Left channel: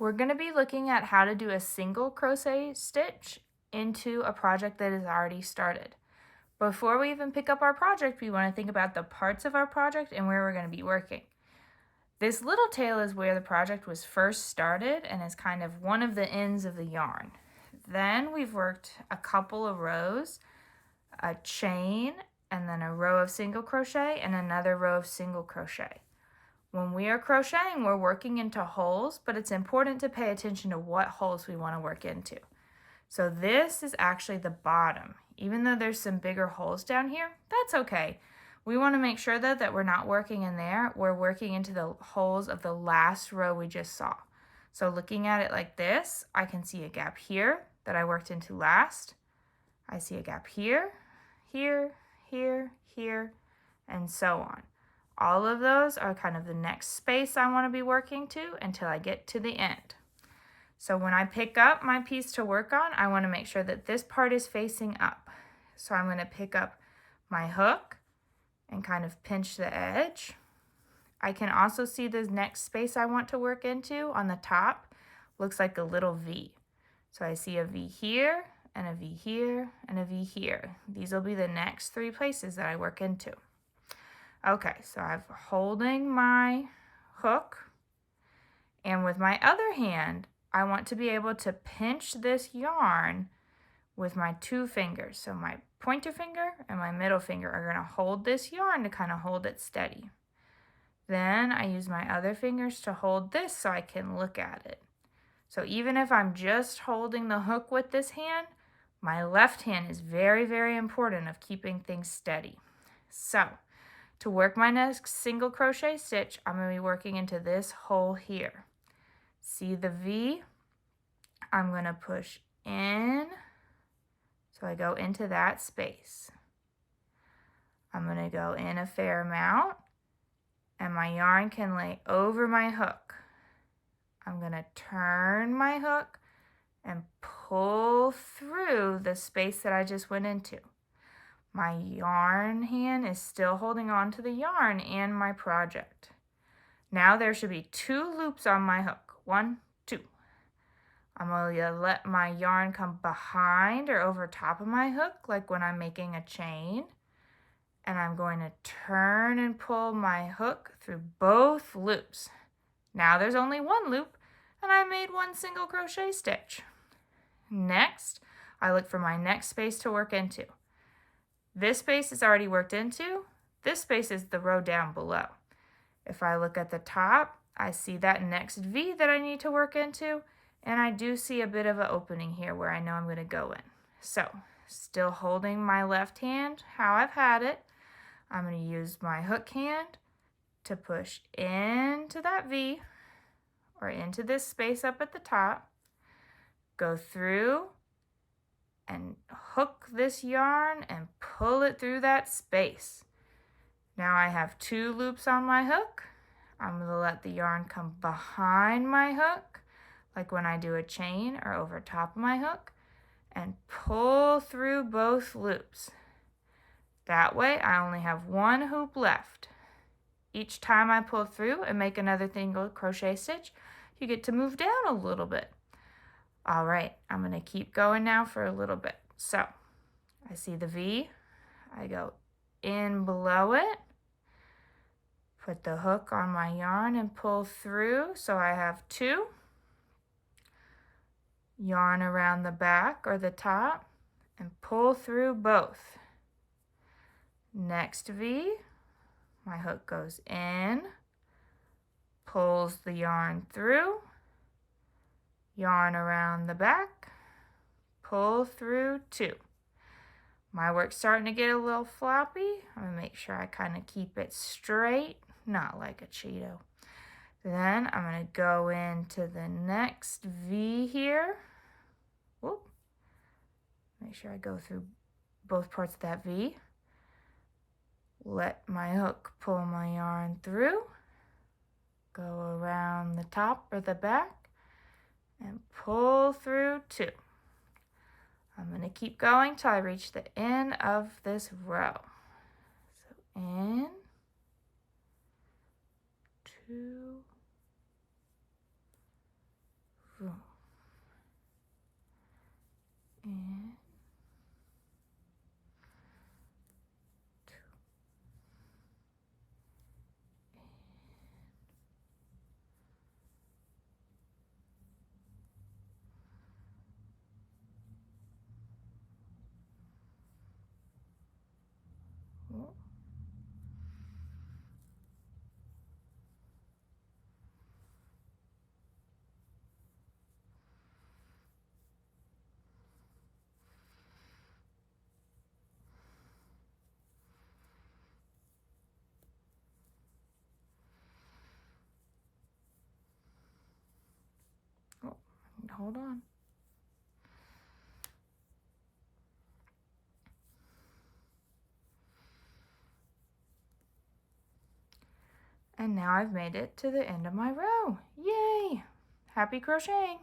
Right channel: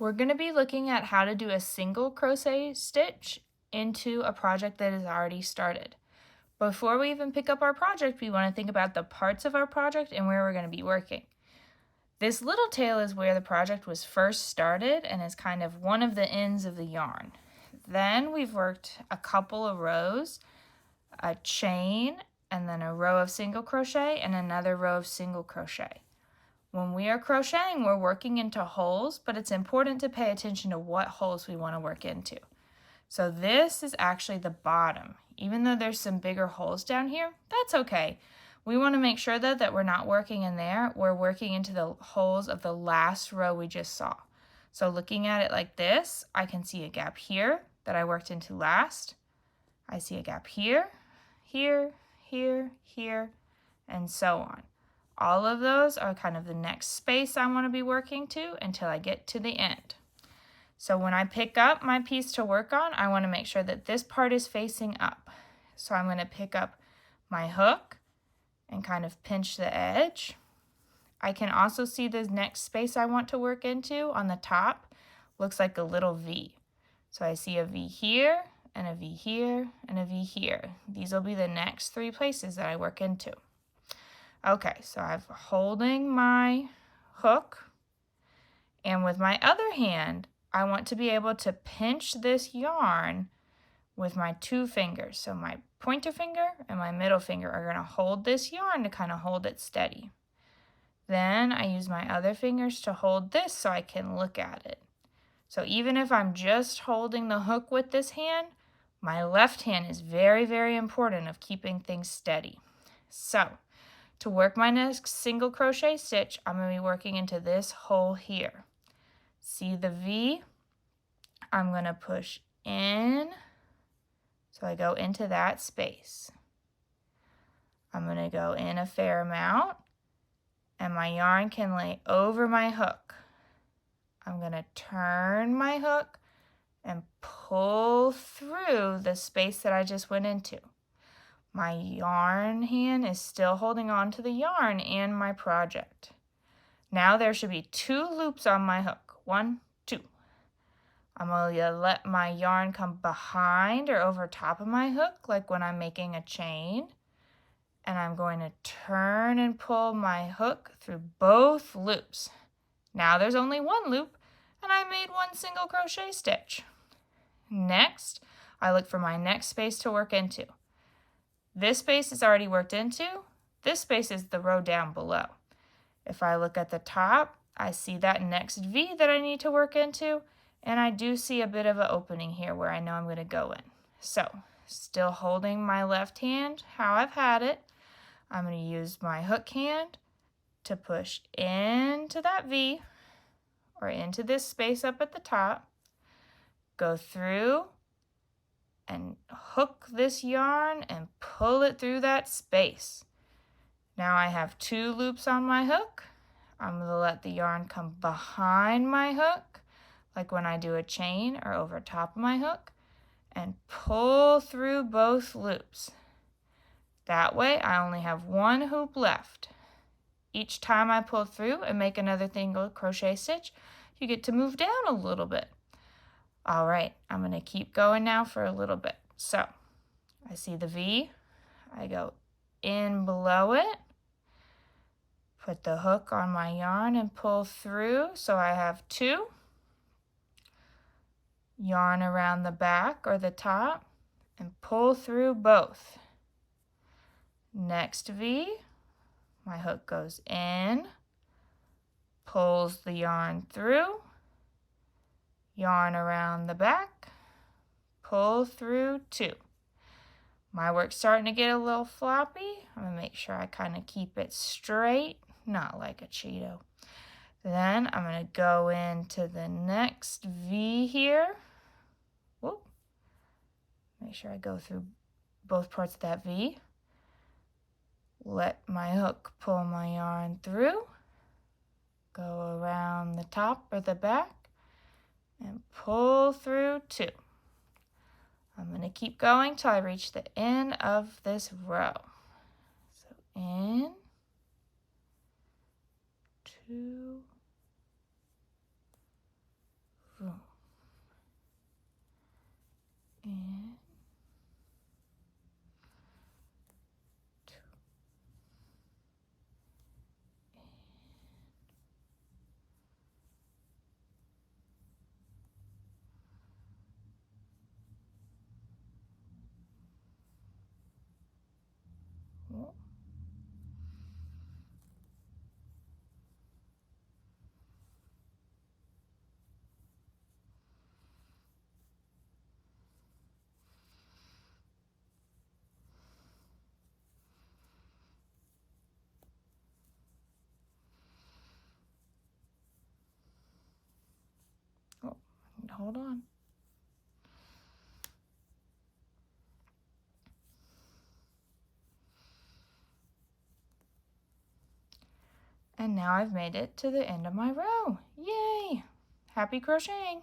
We're going to be looking at how to do a single crochet stitch into a project that is already started. Before we even pick up our project, we want to think about the parts of our project and where we're going to be working. This little tail is where the project was first started and is kind of one of the ends of the yarn. Then we've worked a couple of rows, a chain, and then a row of single crochet and another row of single crochet. When we are crocheting, we're working into holes, but it's important to pay attention to what holes we want to work into. So this is actually the bottom. Even though there's some bigger holes down here, that's okay. We want to make sure though that we're not working in there. We're working into the holes of the last row we just saw. So looking at it like this, I can see a gap here that I worked into last. I see a gap here, here, here, here, and so on. All of those are kind of the next space I want to be working to until I get to the end. So when I pick up my piece to work on, I want to make sure that this part is facing up. So I'm going to pick up my hook and kind of pinch the edge. I can also see the next space I want to work into on the top looks like a little V. So I see a V here and a V here and a V here. These will be the next three places that I work into. Okay, so I'm holding my hook, and with my other hand, I want to be able to pinch this yarn with my two fingers. So my pointer finger and my middle finger are going to hold this yarn to kind of hold it steady. Then I use my other fingers to hold this so I can look at it. So even if I'm just holding the hook with this hand, my left hand is very, very important of keeping things steady. So to work my next single crochet stitch, I'm going to be working into this hole here. See the V? I'm going to push in, so I go into that space. I'm going to go in a fair amount, and my yarn can lay over my hook. I'm going to turn my hook and pull through the space that I just went into. My yarn hand is still holding on to the yarn in my project. Now there should be 2 loops on my hook. 1, 2. I'm going to let my yarn come behind or over top of my hook, like when I'm making a chain. And I'm going to turn and pull my hook through both loops. Now there's only 1 loop, and I made 1 single crochet stitch. Next, I look for my next space to work into. This space is already worked into. This space is the row down below. If I look at the top, I see that next V that I need to work into, and I do see a bit of an opening here where I know I'm going to go in. So, still holding my left hand how I've had it, I'm going to use my hook hand to push into that V, or into this space up at the top, go through, and hook this yarn and pull it through that space. Now I have 2 loops on my hook. I'm going to let the yarn come behind my hook, like when I do a chain, or over top of my hook, and pull through both loops. That way I only have 1 hoop left. Each time I pull through and make another single crochet stitch, you get to move down a little bit. All right, I'm going to keep going now for a little bit. So I see the V, I go in below it, put the hook on my yarn and pull through, so I have 2. Yarn around the back or the top and pull through both. Next V, my hook goes in, pulls the yarn through, yarn around the back, pull through 2. My work's starting to get a little floppy. I'm going to make sure I kind of keep it straight, not like a Cheeto. Then I'm going to go into the next V here. Whoop. Make sure I go through both parts of that V. Let my hook pull my yarn through. Go around the top or the back and pull through 2. I'm going to keep going till I reach the end of this row. So in, 2, hold on. And now I've made it to the end of my row. Yay! Happy crocheting!